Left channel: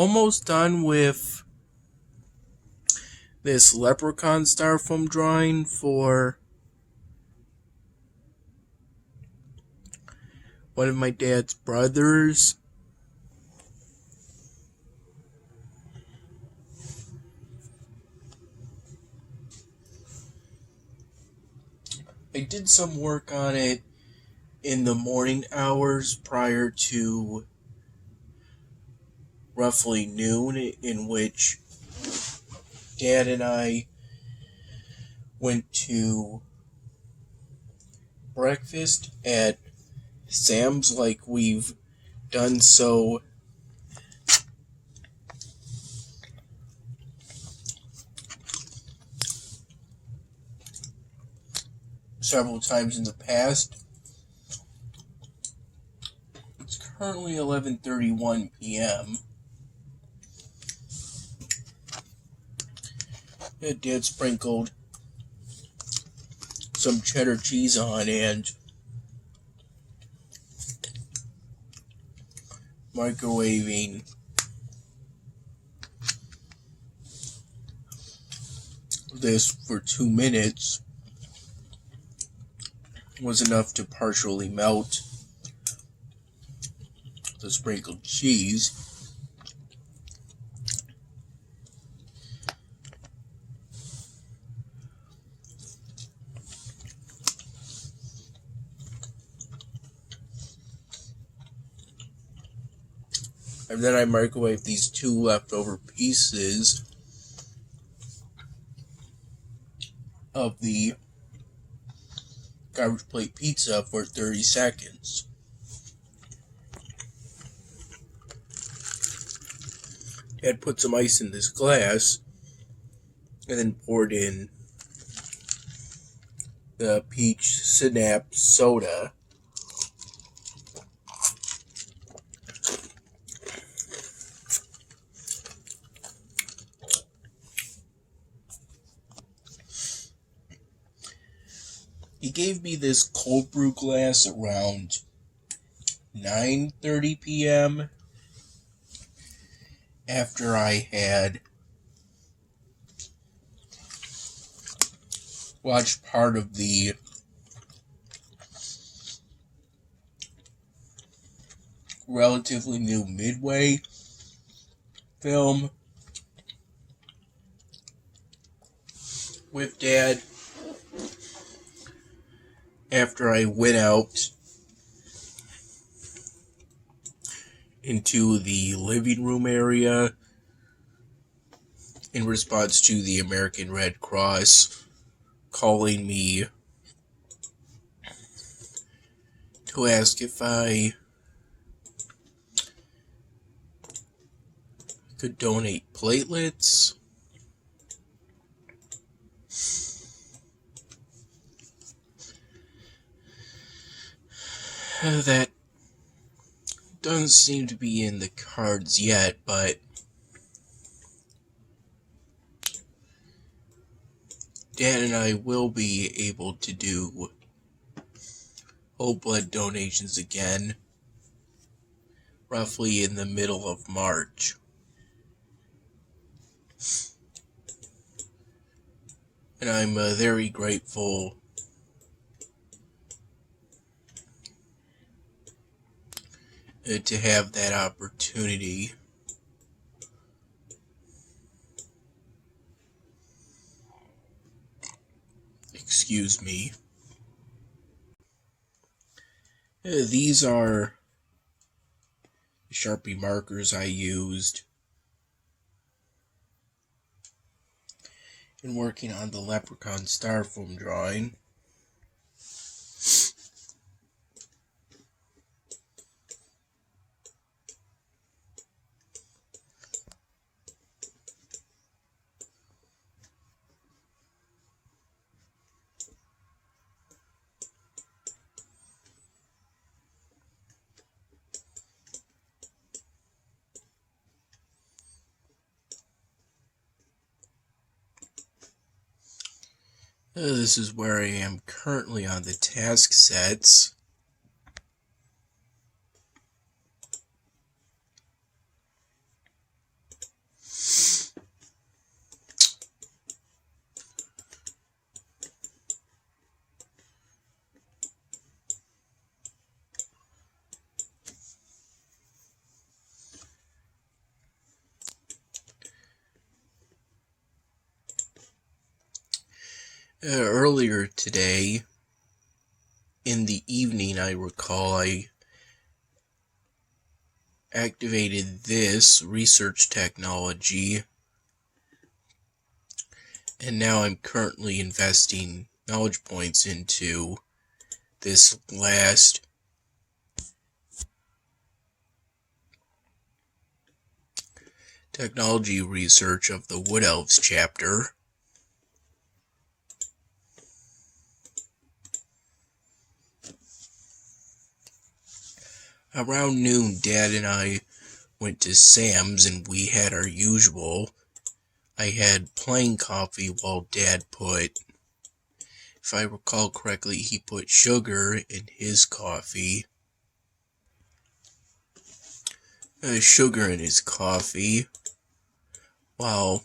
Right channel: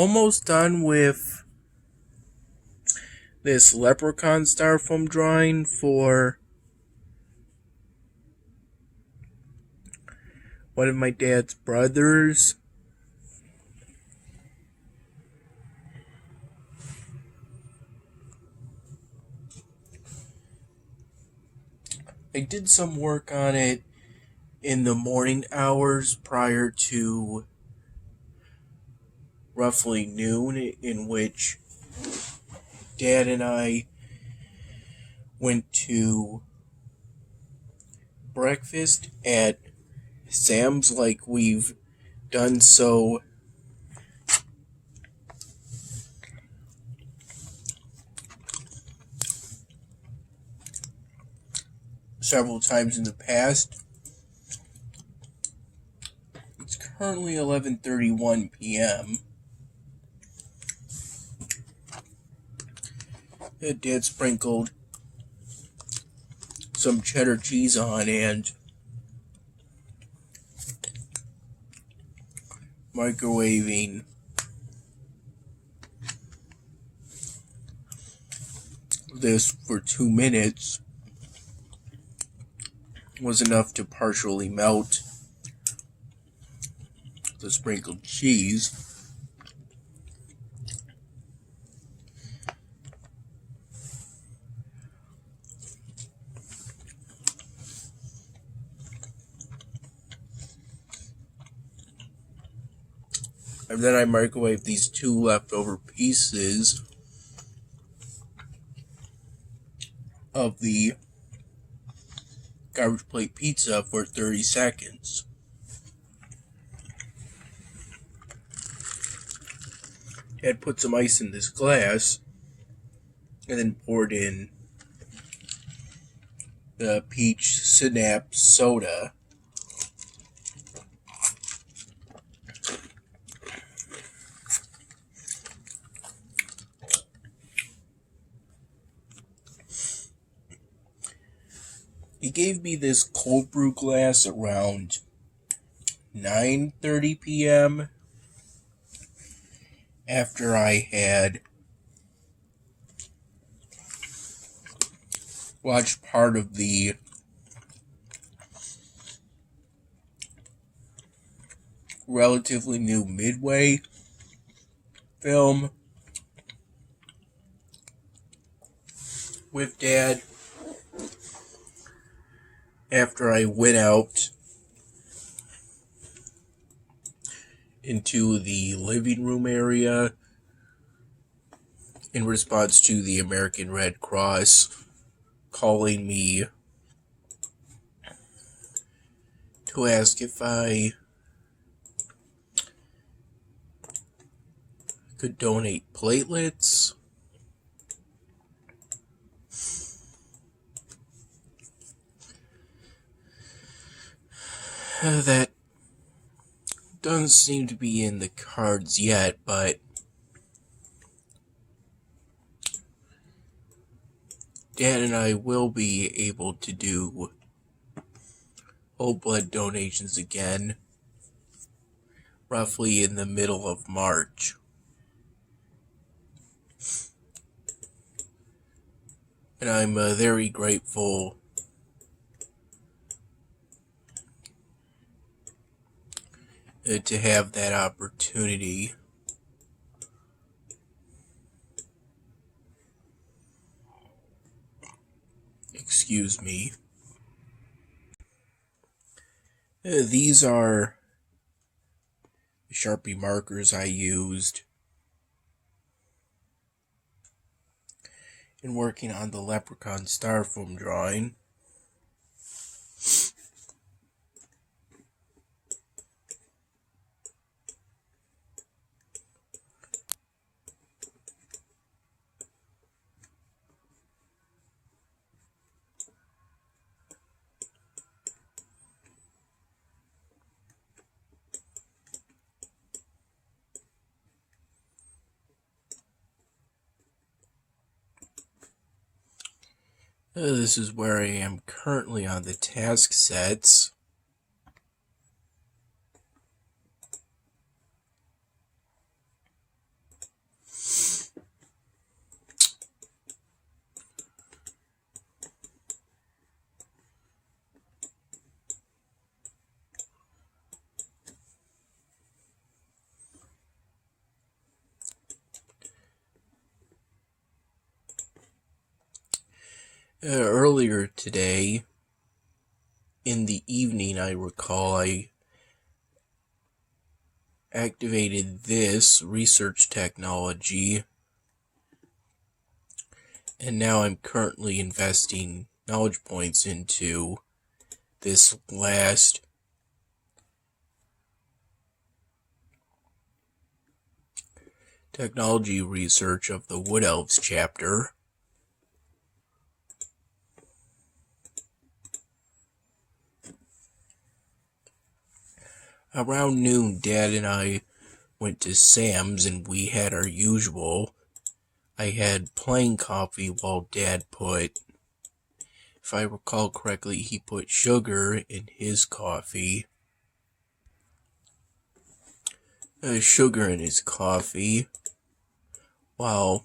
almost done with this leprechaun styrofoam drawing for one of my dad's brothers. I did some work on it in the morning hours prior to roughly noon, in which Dad and I went to breakfast at Sam's like we've done so several times in the past. It's currently 11:31 p.m. Dad sprinkled some cheddar cheese on and microwaving this for 2 minutes was enough to partially melt the sprinkled cheese. And then I microwaved these 2 leftover pieces of the garbage plate pizza for 30 seconds. Dad put some ice in this glass and then poured in the peach synapse soda. He gave me this cold brew glass around 9:30 p.m. after I had watched part of the relatively new Midway film with Dad. After I went out into the living room area in response to the American Red Cross calling me to ask if I could donate platelets. That doesn't seem to be in the cards yet, but Dad and I will be able to do whole blood donations again, roughly in the middle of March. And I'm very grateful to have that opportunity. Excuse me. These are the Sharpie markers I used in working on the leprechaun styrofoam drawing. This is where I am currently on the task sets. Earlier today, in the evening, I recall, I activated this research technology, and now I'm currently investing knowledge points into this last technology research of the Wood Elves chapter. Around noon, Dad and I went to Sam's and we had our usual. I had plain coffee while Dad put, if I recall correctly, he put sugar in his coffee. Sugar in his coffee. While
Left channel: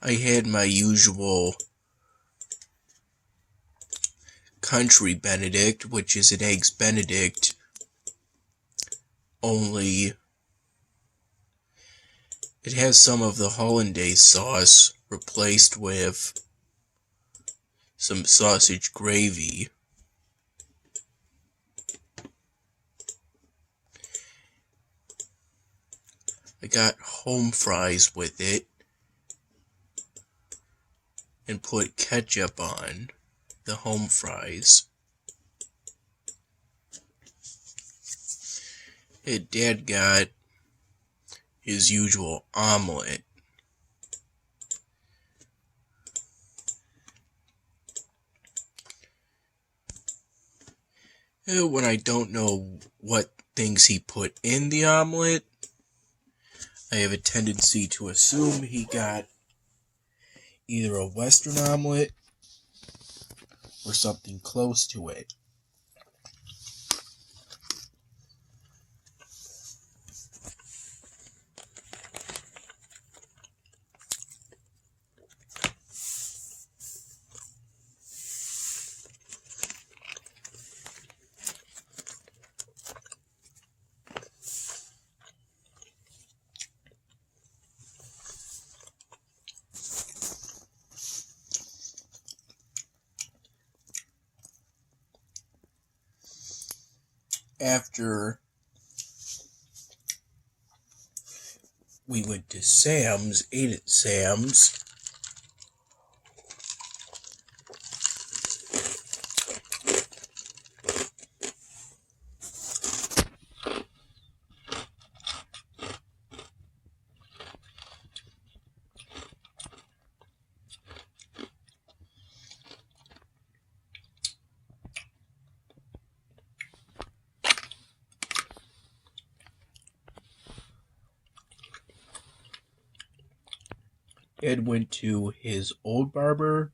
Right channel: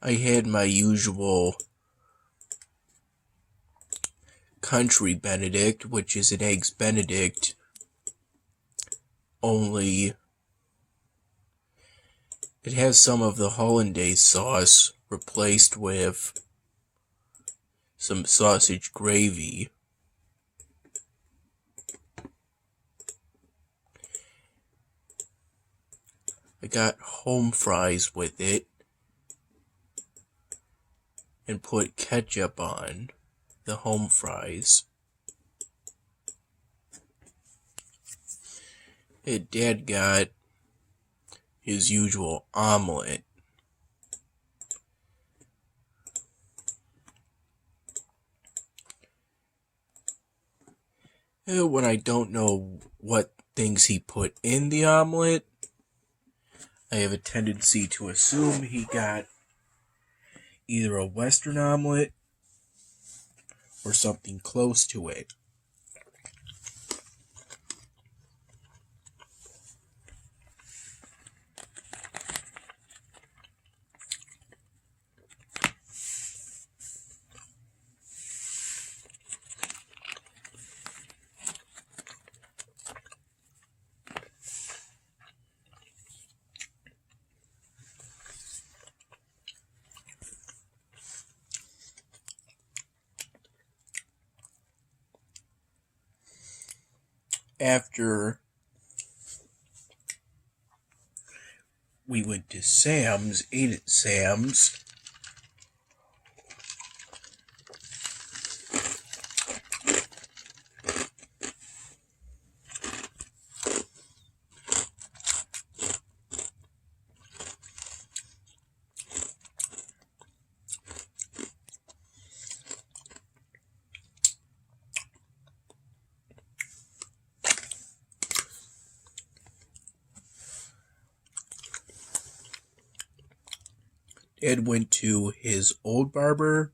I had my usual country Benedict, which is an Eggs Benedict, only it has some of the hollandaise sauce replaced with some sausage gravy. I got home fries with it and put ketchup on the home fries. Dad got his usual omelet. When I don't know what things he put in the omelet, I have a tendency to assume he got either a Western omelet or something close to it. After we went to Sam's, ate at Sam's, Ed went to his old barber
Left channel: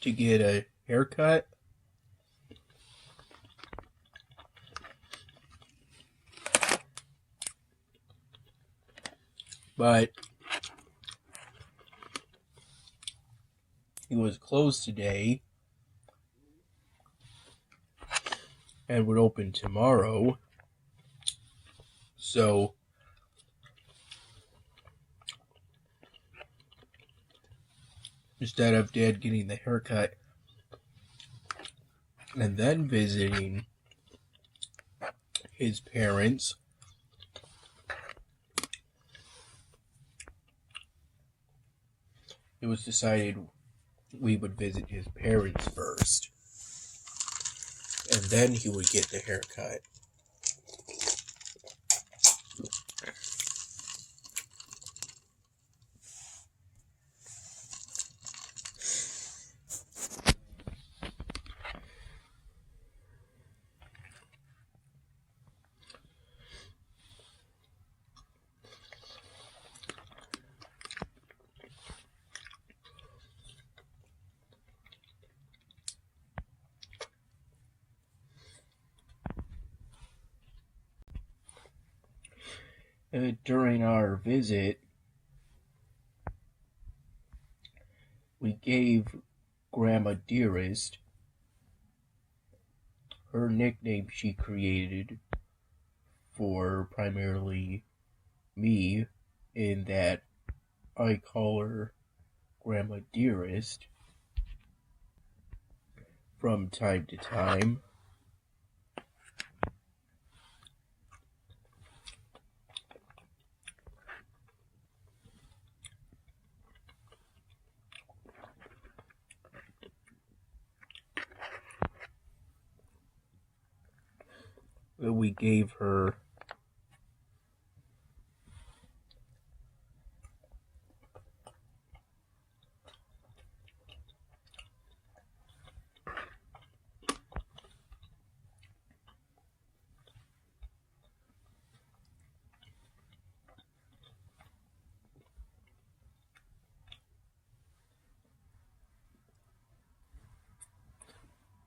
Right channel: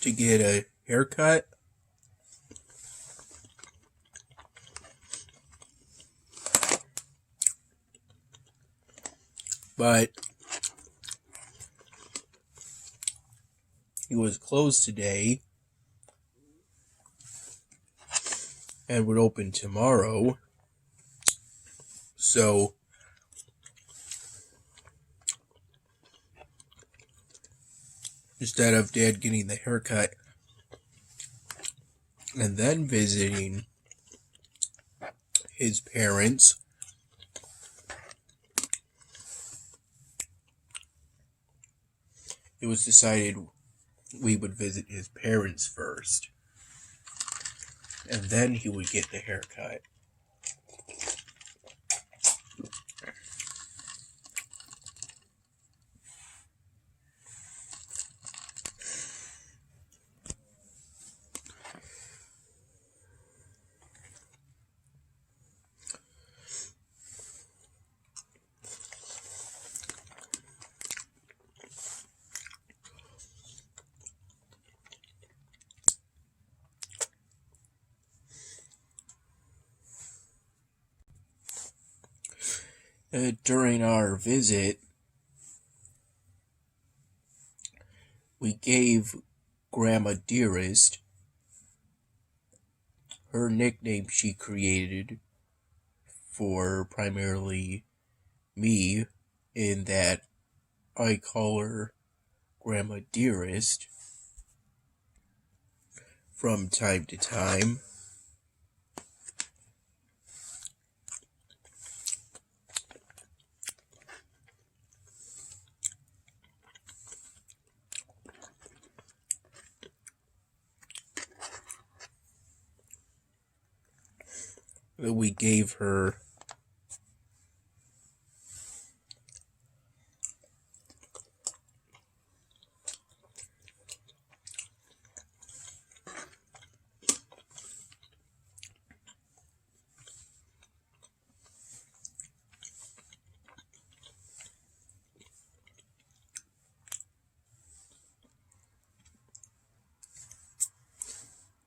to get a haircut. But he was closed today and would open tomorrow. So instead of Dad getting the haircut and then visiting his parents, it was decided we would visit his parents first, and then he would get the haircut. During our visit, we gave Grandma Dearest her nickname she created for primarily me, in that I call her Grandma Dearest from time to time. We gave her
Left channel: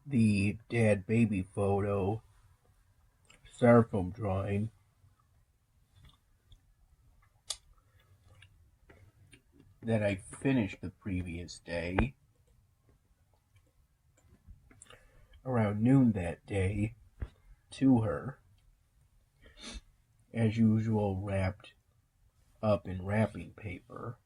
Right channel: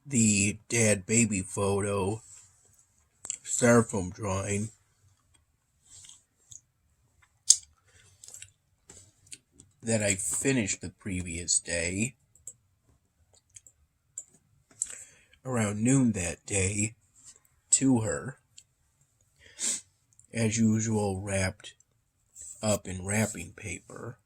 the dad baby photo styrofoam drawing that I finished the previous day around noon that day to her, as usual, wrapped up in wrapping paper.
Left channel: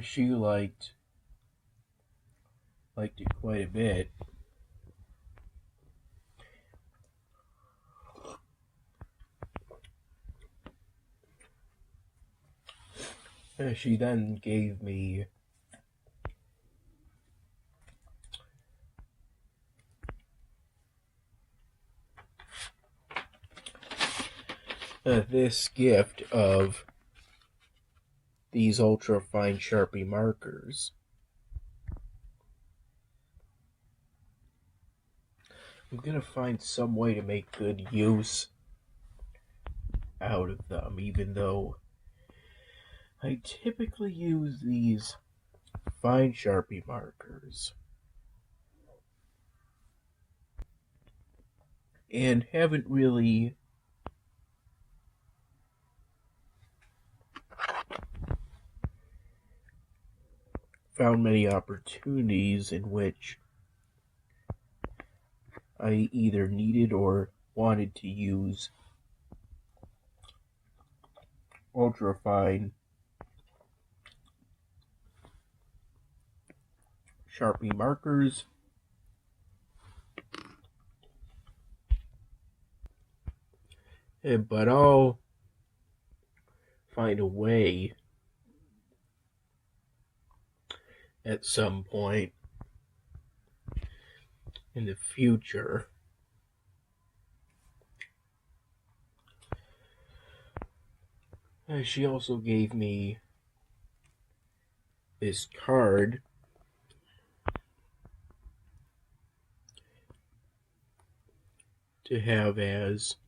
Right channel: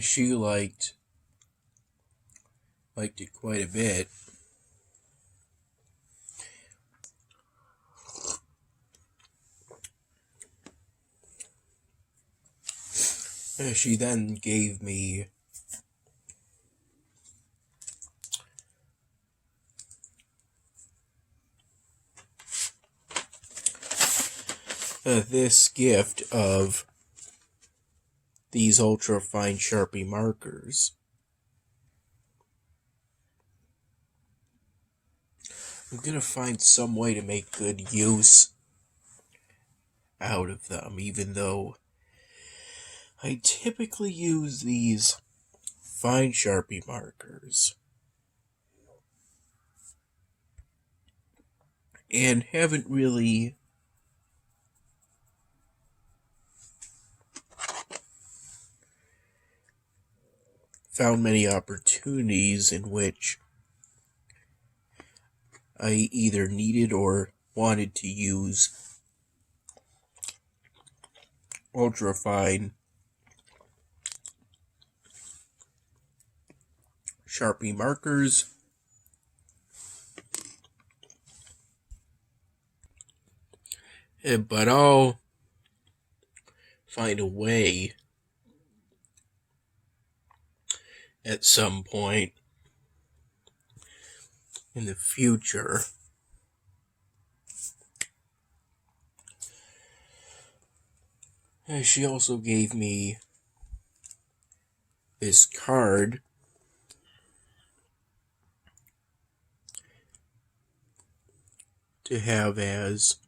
She liked it quite a bit. She then gave me this gift of these ultra fine Sharpie markers. I'm gonna find some way to make good use out of them, even though I typically use these fine Sharpie markers and haven't really found many opportunities in which I either needed or wanted to use ultra-fine Sharpie markers. But I'll find a way at some point in the future she also gave me this card to have as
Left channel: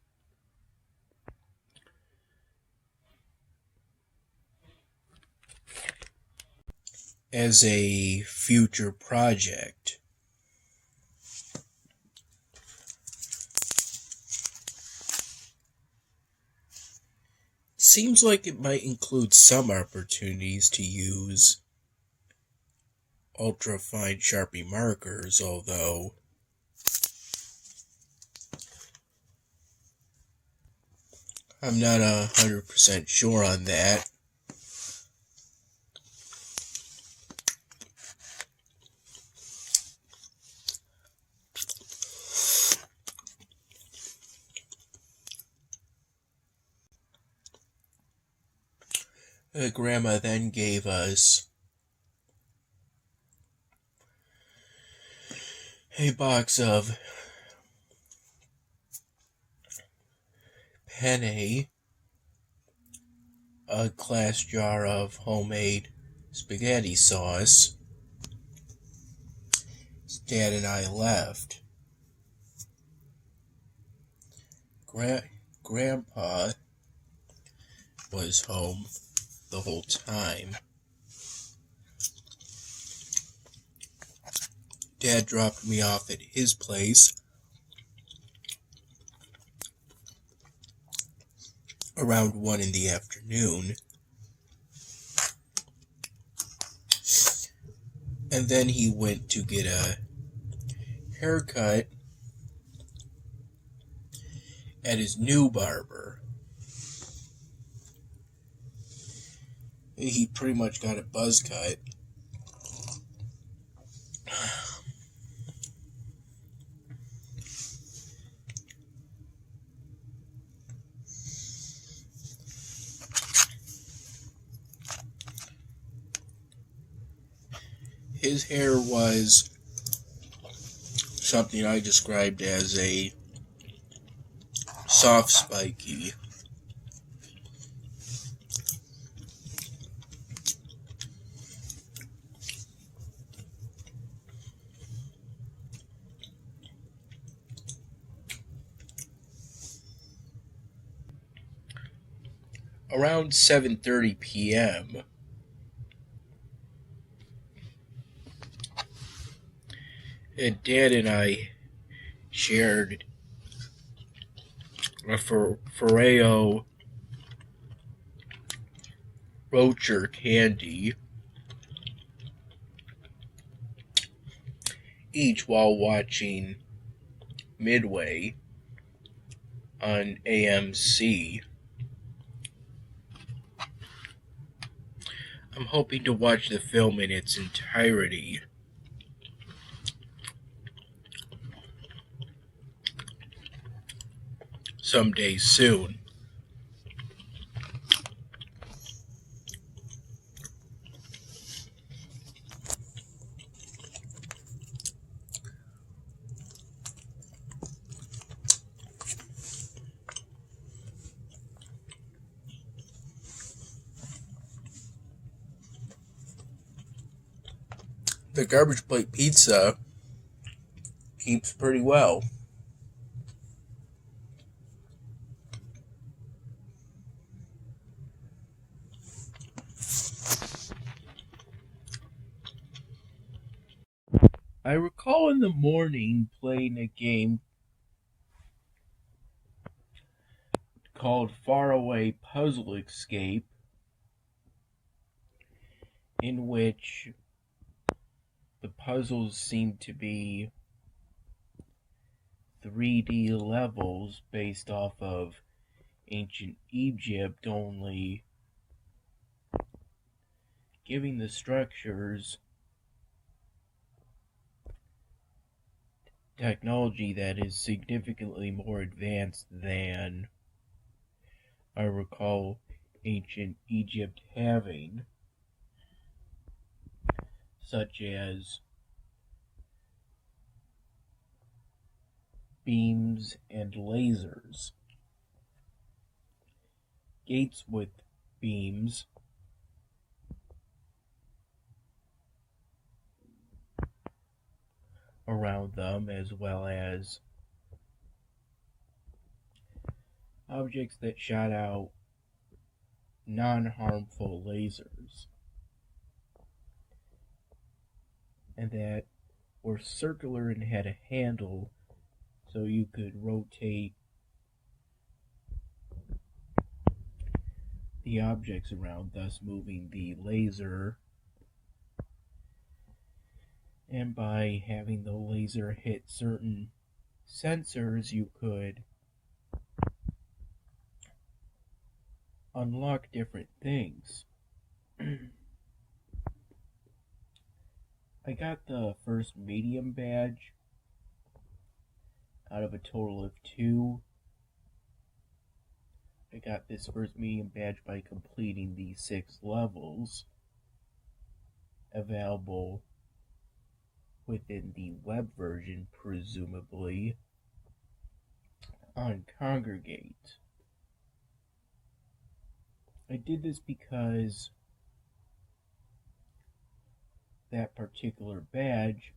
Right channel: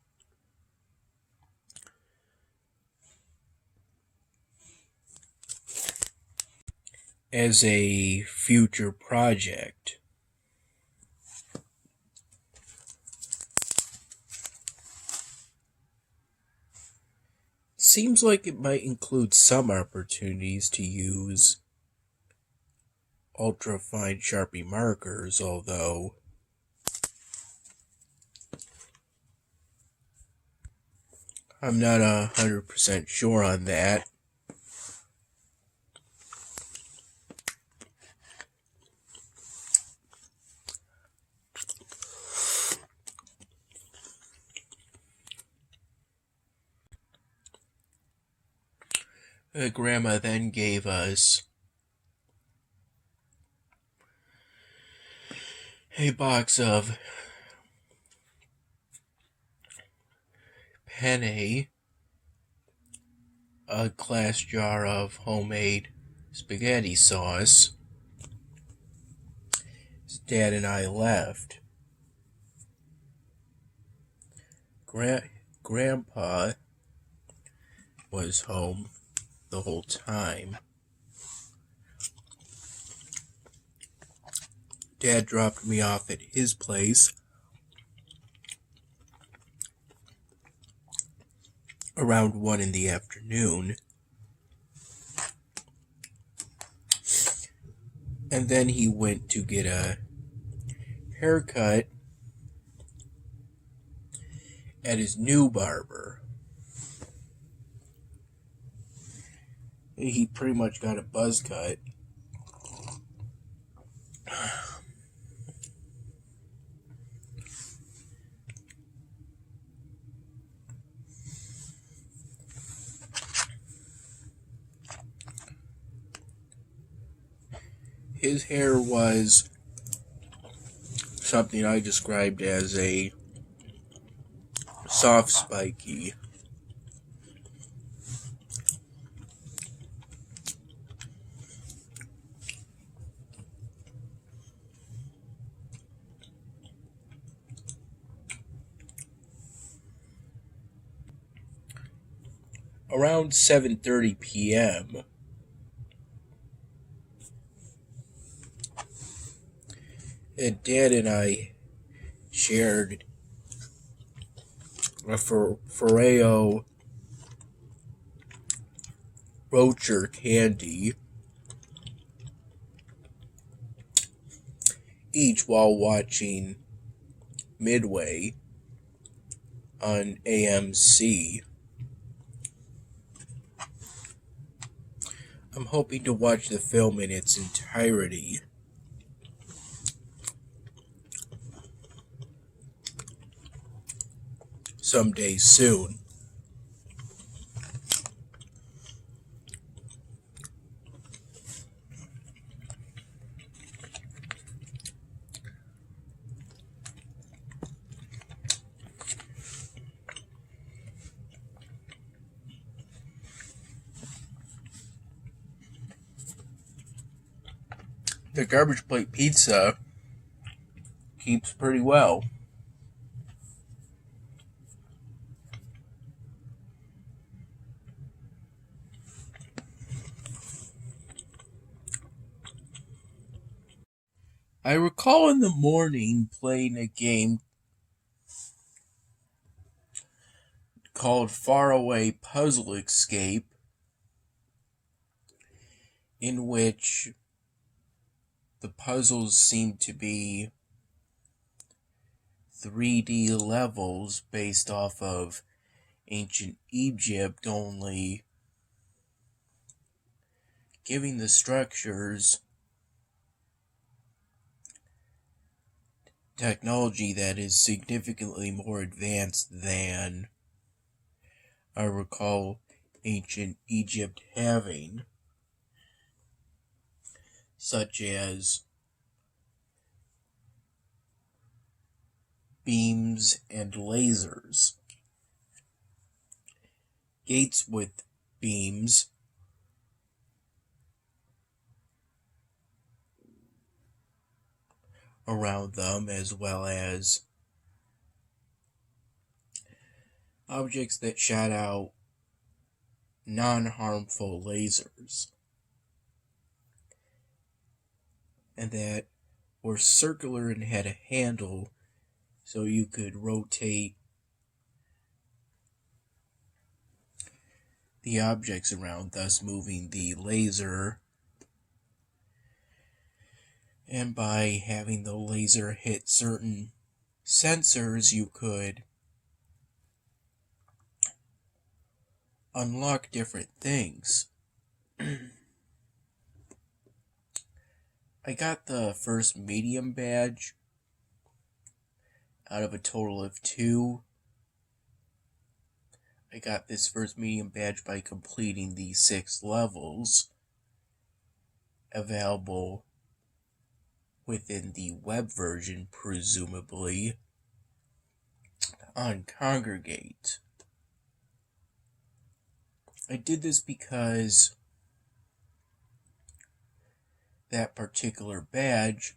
a future project. Seems like it might include some opportunities to use ultra-fine Sharpie markers, although I'm not 100% sure on that. Grandma then gave us a box of penne, a glass jar of homemade spaghetti sauce. Dad and I left. grandpa was home the whole time. Dad dropped me off at his place around 1 in the afternoon. And then he went to get a haircut at his new barber. He pretty much got a buzz cut. His hair was something I described as a soft spiky. Around 7:30 p.m., Dad and I shared a Ferrero Rocher candy, each while watching Midway on AMC. I'm hoping to watch the film in its entirety. Someday soon. The garbage plate pizza keeps pretty well. I recall in the morning playing a game called Faraway Puzzle Escape, in which the puzzles seemed to be 3D levels based off of ancient Egypt, only giving the structures technology that is significantly more advanced than I recall ancient Egypt having, such as beams and lasers. Gates with beams around them, as well as objects that shot out non-harmful lasers, and that were circular and had a handle so you could rotate the objects around, thus moving the laser. And by having the laser hit certain sensors, you could unlock different things. I got the first medium badge out of a total of 2. I got this first medium badge by completing the 6 levels available within the web version, presumably, on Congregate. I did this because that particular badge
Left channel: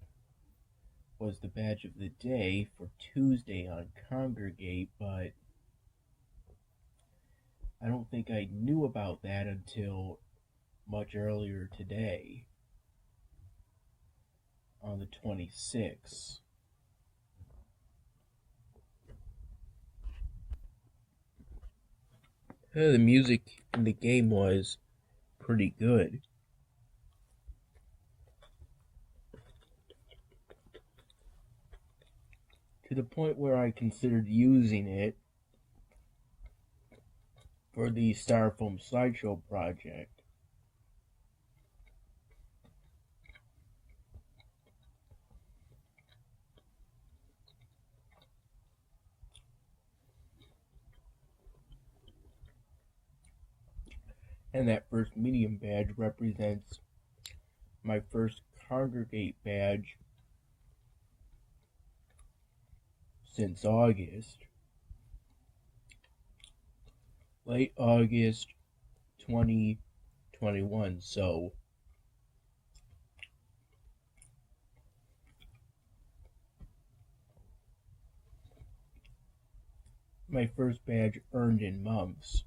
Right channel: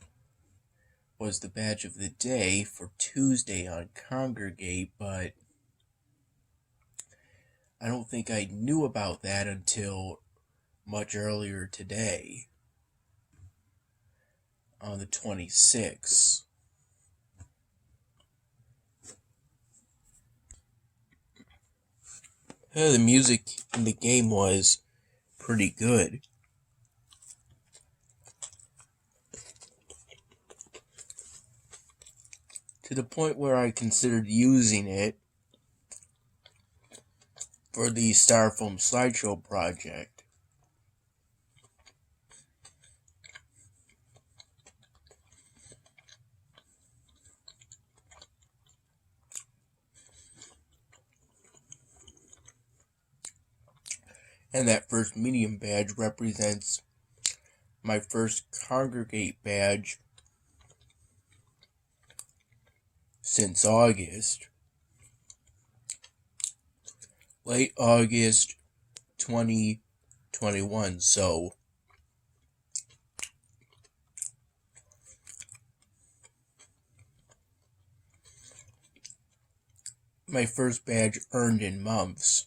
was the badge of the day for Tuesday on Congregate, but I don't think I knew about that until much earlier today, on the 26th. The music in the game was pretty good. To the point where I considered using it for the Styrofoam slideshow project. And that first medium badge represents my first Congregate badge since August. Late August 2021, so my first badge earned in months.